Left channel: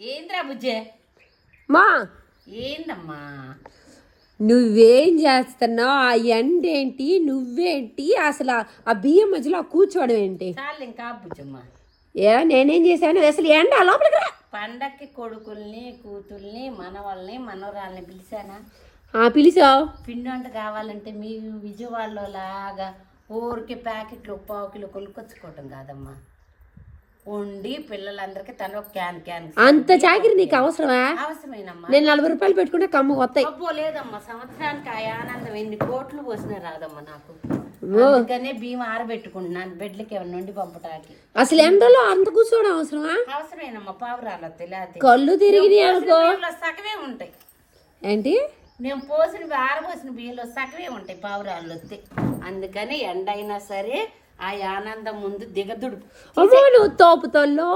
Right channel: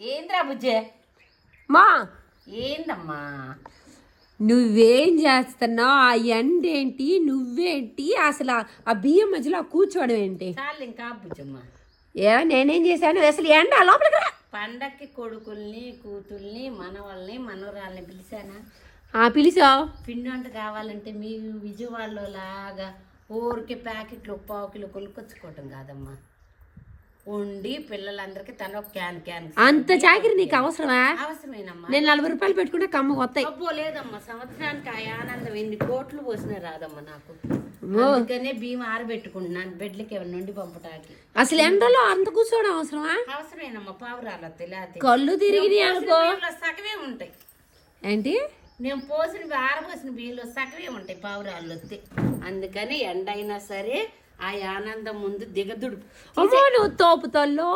ఏంద్రా బుజ్జే మా ఏందమ్మా నువ్వేం చేస్తున్నావు? ఆ ఎండ ఏంటి, నువ్వేంటి, అసలు ఆ బియ్యం మధ్యలో కూర్చోవడం ఏంటి? చాలు ఇంకా బుజ్జమ్మ. నేనేం చేశాను? అసలు ఎండ లోపలికి రా. పండక్కి కొడుకుల్ని కూతుల్ని మనవాళ్ళని మనవరాల్ని పిలిచానా? పిలిచావు. పిండి వంట కావాలంటే మీ విజయవాడలో లాగా ఊరికి ప్యాకెట్లు 1 కిలో కొనుక్కొచ్చుకోవటం కాదమ్మా. వండి పిల్లలందరికీ తన క్యాన్ అంత చాకిరి నీకు అవసరమా? అవసరమేనమ్మా. నేను 40 రూపాయలు పెట్టుకుంటే కమ్మ వస్తాయి. అబ్బో లేదమ్మా, సంవత్సరానికి ఆ ఆనందం 8 కోట్లు పోసినా రాదమ్మా నాకు. అందుకనే బియ్యం ఆరబెట్టుకుంటున్నాను బెడ్లకి ఏమన్నా నుండి పంపటానికి. అసలు ఎండలో అంత కూర్చోవడం అవసరమా? అవసరమేనమ్మా. పావురాలు వస్తాయి, కళ్ళు తిరిగి సగమే ఉంటాయి. ఏంటి? నేను ఆరబోసిన బియ్యంలో సగమే ఉంటాయి పావురాళ్ళు వస్తే. అందుకని ఎండ అయినా సరే ఆ ఆనందం ముందు దిగదుడు. నువ్వు తోపుతోళ్ళు